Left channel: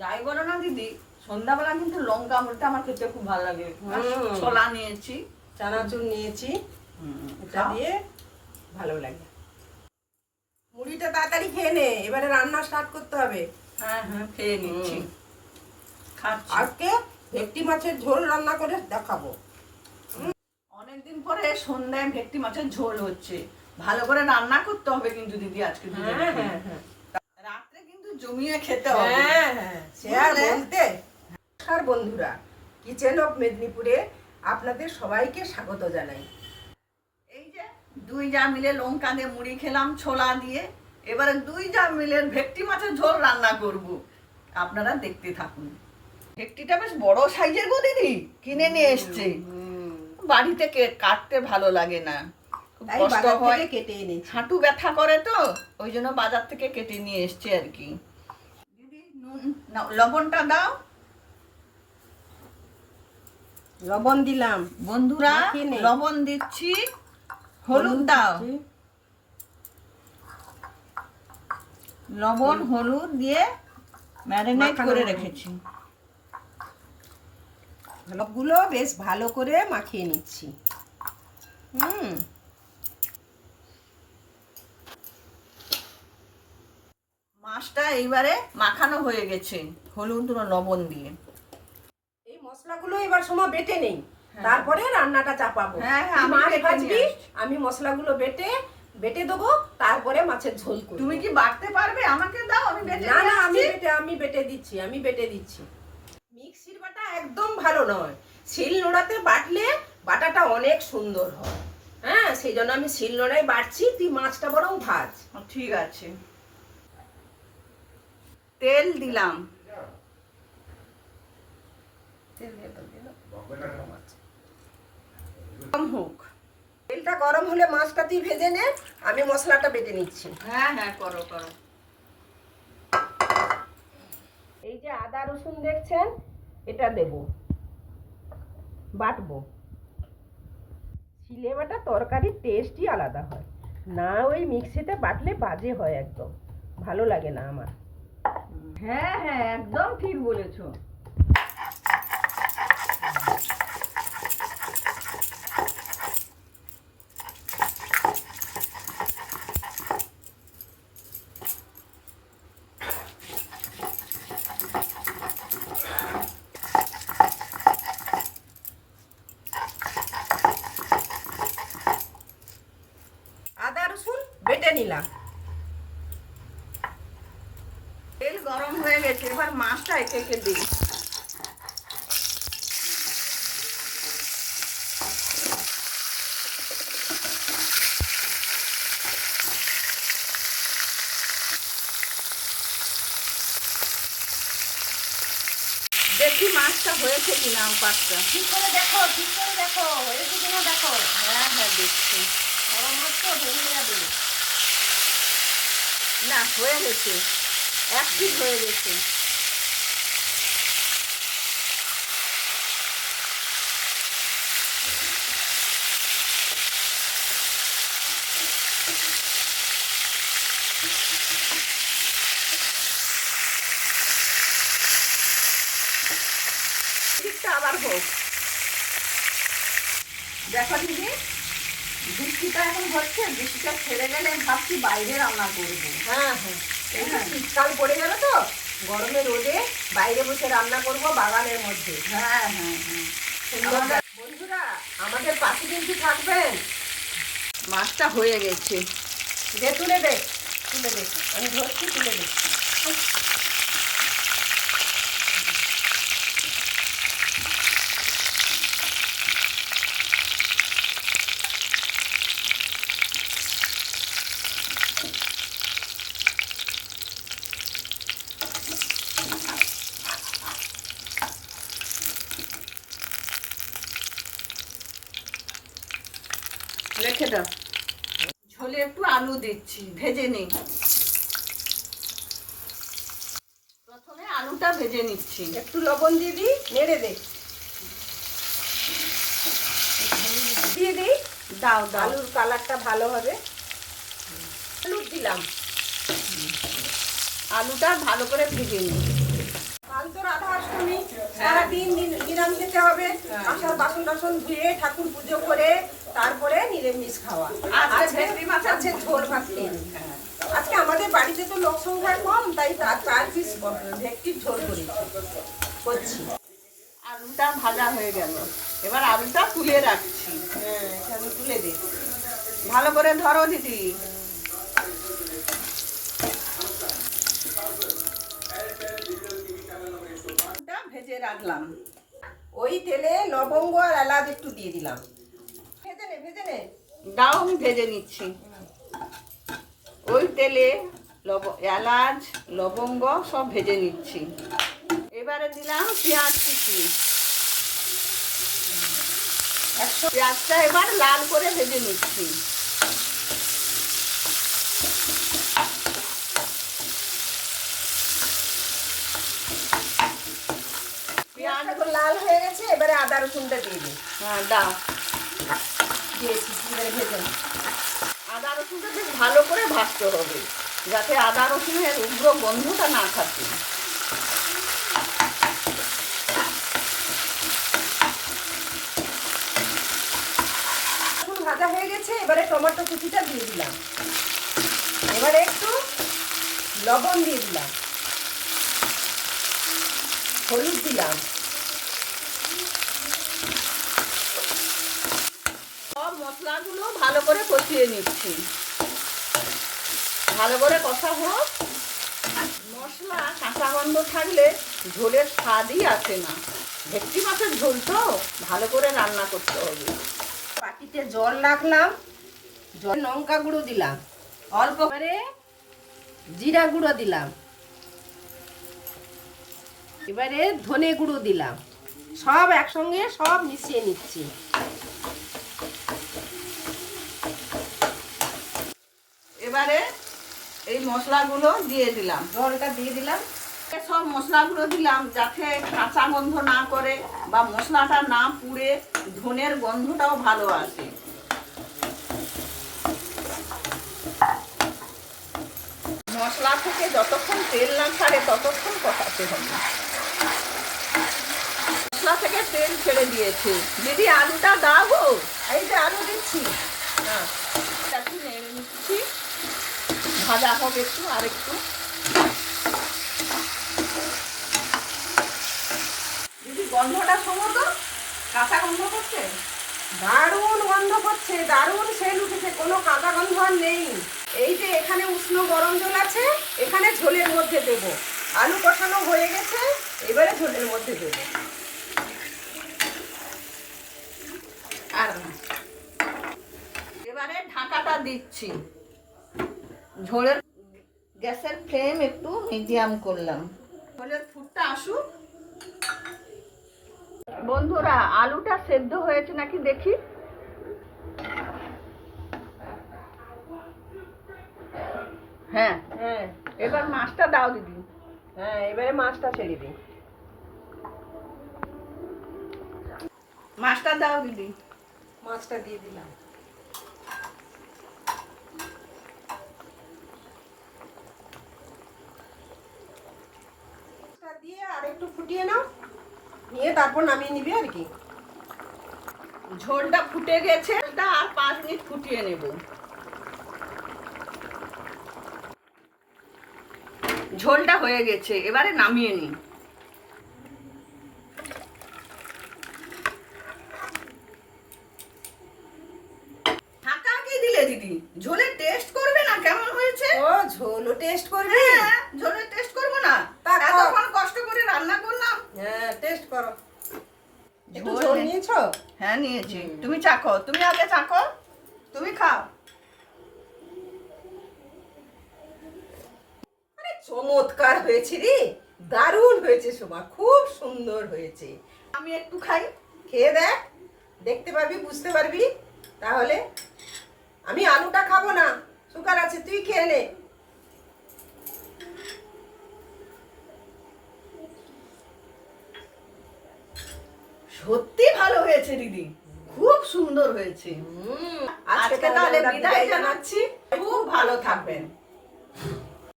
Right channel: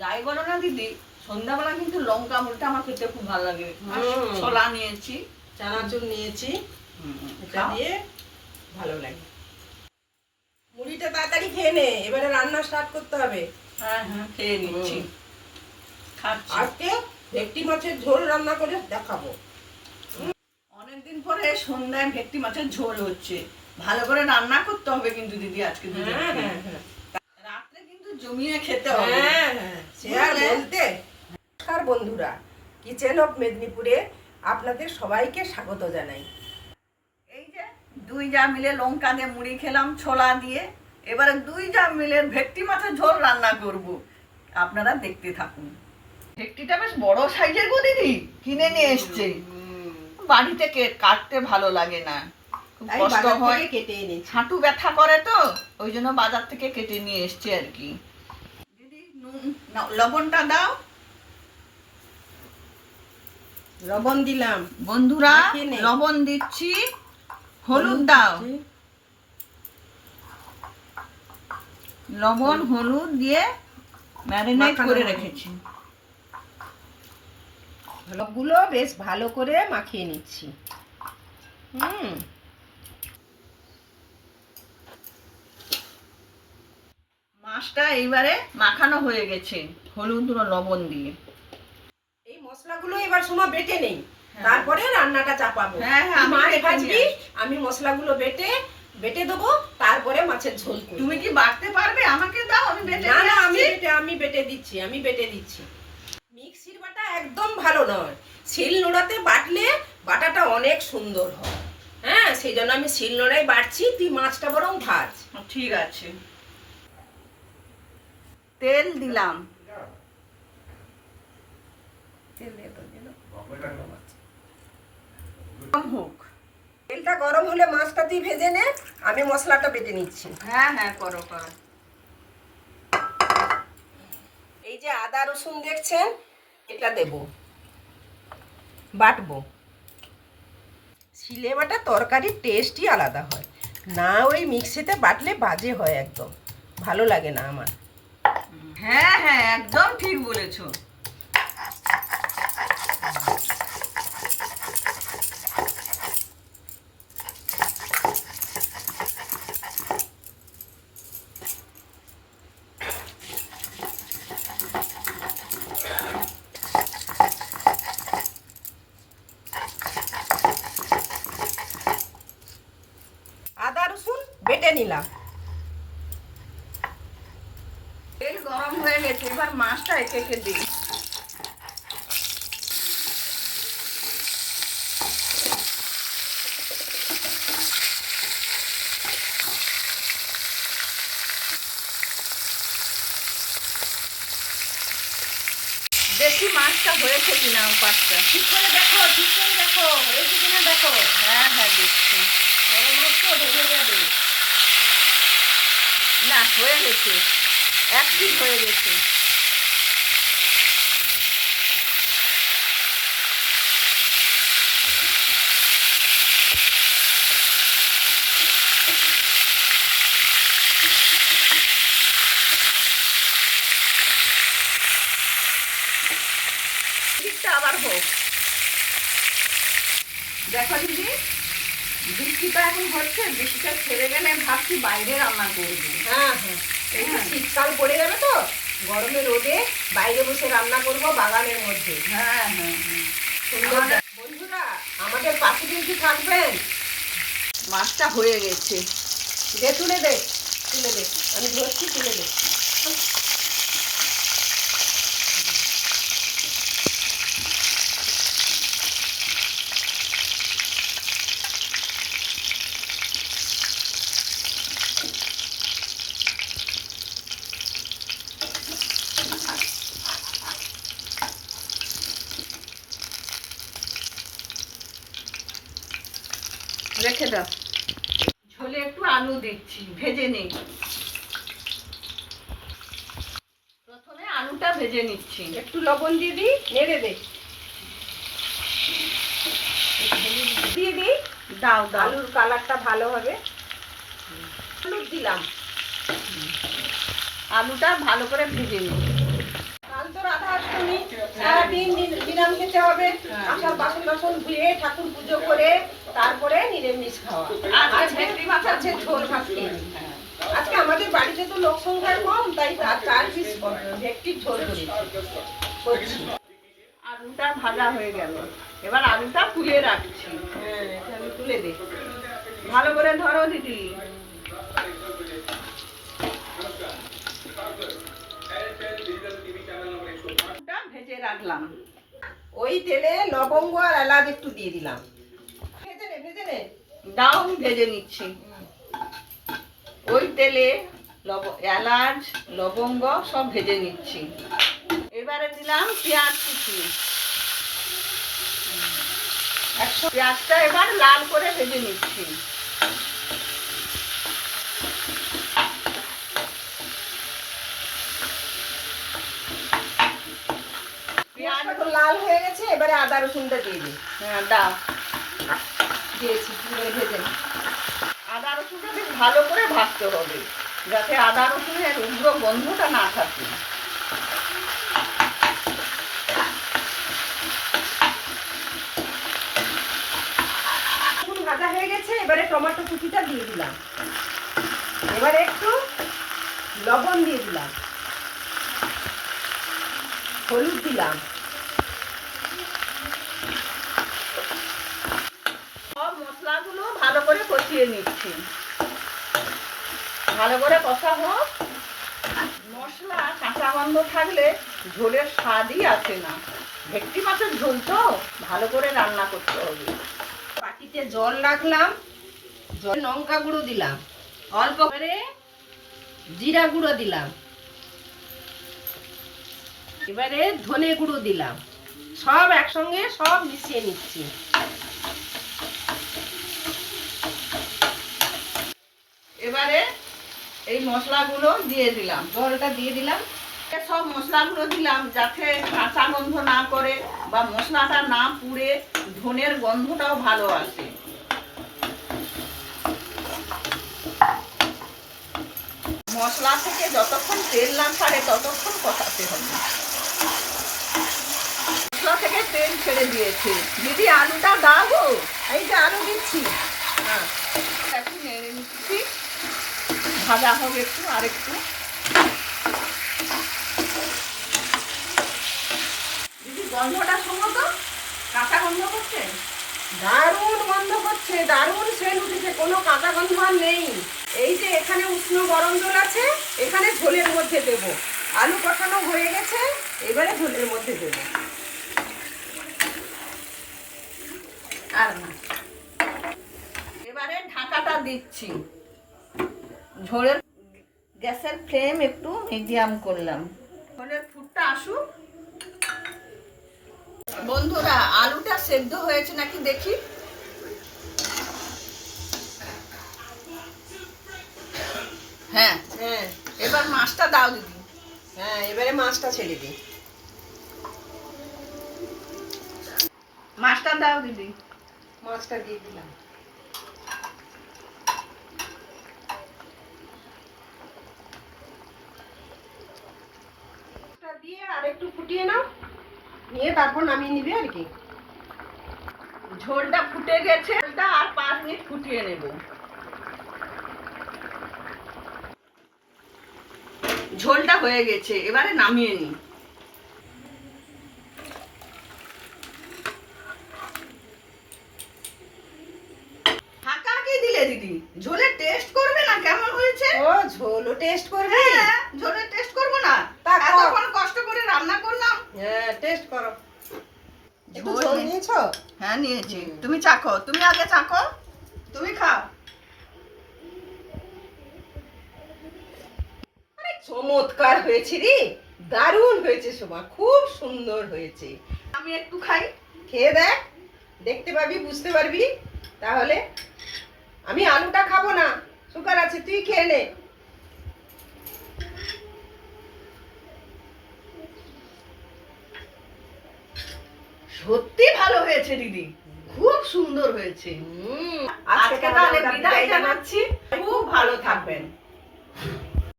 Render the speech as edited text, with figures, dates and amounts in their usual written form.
যাই বলো না দিদি, সন্ধ্যাবেলা কিন্তু লঙ্কা মুড়িটা আমার খেতে খুব ভালো লাগে। ছোলা নিয়েছি, চানাচুর নিয়েছি, এটা দিয়ে ভালো লাগে। মুড়িটা তাড়াতাড়ি খেয়ে নে, এবারে রান্না স্টার্ট করতে হবে। হ্যাঁ হ্যাঁ খেয়ে নিচ্ছি। আজকে ভেটকি মাছের ঝোল রান্না করে দেখাবো। অনেকদিন পরে সন্ধ্যায় ভেটকি মাছের ঝোল হচ্ছে, ভালো করে রান্না করতে হবে কিন্তু দিদি আজকে। রাত্রে কিন্তু জমিয়ে খেতে হবে। সে আর বলতে। নমস্কার বন্ধুরা, কিচেন অফ মেদিনীপুরে আপনাদের সবাইকে স্বাগত জানাই। এই যে দুই যা মিলে লঙ্কা দিয়ে মুড়ি খেলাম ছোলা দিয়ে, এবারে দুই যা মিলে ভেটকি মাছের ঝোল রান্না করব, আপনারা দেখতে থাকুন। ভেটকিটা বেশ বড় সাইজের গো দিদি, কিনে নিয়ে এসছে। বাড়িতে কাটতে ভালো লাগে না, খুব কষ্ট হয়, কেটে এনেছি। হাঁটু ব্যথা করে তো ওই জন্য বাজার থেকে কেটে নিয়ে এসছে আর কি। দিদি নুন লবণটা দাও। লবণ দিলাম বন্ধুরা, লবণ দিচ্ছি, হলুদ দাও। লবণ হলুদ দিয়ে ম্যারিনেট করে রেখেছি। সবগুলো বেশ ভালো করে মাখিয়ে নিচ্ছি। মাছটা এইবারে মাখানো হয়ে গেছে হলুদ ও লবণ দিয়ে। এই মশলাগুলো এবার সময় বেটে নেই, তারপরে রান্নাটা চাপাবো। মাছ ভাজবি, আমি মশলাগুলো বেটে দেবো, তারপরে মাছের ঝোল করব। তুমি কি বাটতে পারবে? আমাকে দাও, আমি বেটে না না, আমি বেটে দিচ্ছি। মিক্সির বাটা একদম ভালো নয়, শিলনোড়াতে বাটলে বাটাটা অনেক সুন্দর হয়। হ্যাঁ, সেই জন্য আমি শিলনোড়ায় বাটছি। তুই মাছটা বরং ভাজ। ঠিক আছে। তেল দিলাম, হোক। তেলটা গরম হলে মাছটা তুই ভেজে নে, আমি মশলাটা বেটে নিচ্ছি। হ্যাঁ হ্যাঁ করো। এই যে আদা রসুন দেখছেন, এটা দেব, বাটবো। শিলে বাটা তরকারির টেস্টই আলাদা হয়, না ওই মিক্সিতে বাটলে বাজে হয়, একদম ভালো লাগে না আমার। হ্যাঁ হ্যাঁ একদম ঠিক বলেছো। আদা রসুন বেটে নিলাম। তেল গরম হয়ে গেছে, এবার মাছটা একে একে দিই। দেখি মাছটা হয়েছে কিনা, পাঁচটা ঠিক করে দেখো হয়েছে কিনা দেখো। হ্যাঁ হ্যাঁ দেখছি। বড় মাছ তো ভেঙে যাবে। না হয়ে গেছে, এক পিস হয়ে গেছে। ঠিকটা আবার হোক। দেখো দিদি, বৃষ্টিটা এখন হচ্ছে, বৃষ্টিটা ছেড়ে গেলে ভাবছি বাইরে রান্না করবো। হ্যাঁ, এই তো শীতকাল পড়ে গেল তো, গরমে রোদে বাইরে বসে রান্না করবো বাগানের মধ্যে। হ্যাঁ। বন্ধুরা, আমাদের পাশে কিন্তু থাকবেন। মাছটা হয়ে গেছে, তুলে দে, আমি ধরছি, তুলে দে। রেখে দাও। ঝোলে একটু আলু দিচ্ছি, ভেজে নিই। প্রথমে আলুটা ভেজে নিচ্ছি। একটু লবণ দিয়ে দিই, নেড়ে দে। দিয়ে দিই, দাও। আলুর কালারটা ভালো হবে। আলু দিলাম, আলুটা ভালো করে ভেজে নিই। বাসন ধুয়ে ঠাকুর পুজো করে তারপরে নিরামিষ খাওয়া। আজকে ভেটকি মাছের আজকে ঝোল ভাত খেয়ে নিই। আজকে আমাদের বাড়িতে তো লোক সংখ্যা কম, তাই তার পিস ভেটকির ঝোল করছি। আলুটা ভাজা হয়ে গেল, এবার আলুটা তুলে রাখছি। হ্যাঁ, এটা আমি তুলে দিই। ভালো করে ধরো দিদি। আলুটা ভেজে রাখলাম, ওই তেলে লবঙ্গ আর এলাচ একটু দিয়ে দিলাম। ভেজে নে। দাও আমি ভেজে নিচ্ছি। ওই তেলে এলাচ লবঙ্গ সব ভেজে নিচ্ছি। এবারে দিলাম পেঁয়াজ কুচি। পেঁয়াজটা এবার লাল করে ভেজে নিচ্ছি। পেঁয়াজটা তো লাল হয়ে গেছে, এবারে আদা রসুনটা দিয়ে দিই। হ্যাঁ দাও, দিয়েছি, এবারে ভেজে নিই। আদা রসুনটা বেশ ভালো করে ভাজতে হবে, যাতে আদা রসুনের উগ্র গন্ধটা না থাকে। রসুন ভাজা হয়ে গেছে, এবারে টমেটো কুচিটা দিয়ে দিলাম। এবারে একটু লবণ দিয়ে দিলাম, হলুদ দিলাম, সব মশলাগুলো ভালো করে কষিয়ে নিচ্ছি। ভালো করে কষা হোক। মশলা কাঁচা গন্ধ থাকলে ঝোলের স্বাদই আসে না। ভেটকি মাছের ঝোল তো ভালো করে রান্না করতে হবে। বাটিতে জল রাখলাম, জল লঙ্কা গুঁড়ো দিলাম, অল্প করে জিরা গুঁড়ো দিলাম, এবারে ধনে গুঁড়ো দিলাম। সব একসঙ্গে সব মিশিয়ে নিচ্ছি। এবারে এই মশলাগুলো দিয়ে দিলাম, জলটা দিয়ে দিলাম। সব মশলাগুলো দিলাম যাতে কাঁচা গন্ধ না করে বা মশলাটা না পুড়ে ধনের গন্ধটাও ভালো আসে। মশলা থেকে যতক্ষণ তেল না ছাড়ে ততক্ষণ কষাতে হবে। মশলা থেকে তেল ছেড়ে দিয়েছে। দিদি আলুটা দাও গো। এই যে আলু দিচ্ছি। হ্যাঁ, একটু নেড়ে নিচ্ছি, ভাজা হবে একটু আর একটু। দিদি গন্ধটা শোনো তো, কাঁচা গন্ধ করছে। দারুণ গন্ধ করছে, দারুণ সেন্ট উঠেছে, কোনো কাঁচা গন্ধ আর নেই। এই যে এখানে উষ্ণ গরম জল আছে, এখানে ঝোলের মধ্যে দেবো। আলু কষানো হয়ে গেছে, এবারে ঝোলের মধ্যে দেবো। আর এবারে ঢাকাটা দিচ্ছি। ঝোলের গ্যাসের ফ্লেম একটু মিডিয়াম করলাম। ঝোলের ফুটটা আসুক। বন্ধুরা, আলুটা সেদ্ধ হয়েছে নাকি দেখি। হ্যাঁ, হ্যাঁ এবার মাছটা দাও দিদি। হ্যাঁ, এবারে মাছটা ছেড়ে দিই। মাছটা দাও দিদি। মাছটা দিয়ে দিলাম। মাছটা দিয়ে আর একটু ফুটিয়ে নাও, নিয়ে তারপর নামিয়ে নিবে আর কি। ঝোলটা ফুটে গেছে, ঝোলটা আর 5 মিনিট ফুটিয়ে নেব। ঝোলটা হয়ে গেছে, এবারে নামিয়ে নিই। ঢাকা কি দিলে দিদি? ঝোলের টেস্ট করবে না কেমন হয়েছে? ও, ঝোলও টেস্ট করবে? হ্যাঁ, ঝোলের টেস্ট করবো না? তা এতক্ষণ কষ্ট করে রান্না করলাম। হ্যাঁ, টেস্ট করো। একটু ঝোল ঝোল নে- নিয়েছো? হ্যাঁ নিয়েছি। তুমি চাখো, তুমি আগে চাখো, তুমি খাও। আরে চমৎকার হয়েছে রে, দারুণ হয়েছে শোভা, খুব সুন্দর হয়েছে। আমি একটু খাই। খেয়ে দেখ, দেখতে পাবি, বুঝতে পারবি। তাহলে আমি আলুটা খাবো না, সুগার আছে, তুই খেয়ে নে। সত্যি ভালো হয়েছে দিদি, খুব সুন্দর হয়েছে। আজকে তাহলে বিদায় জানাচ্ছি। খুব ভালো থাকবেন।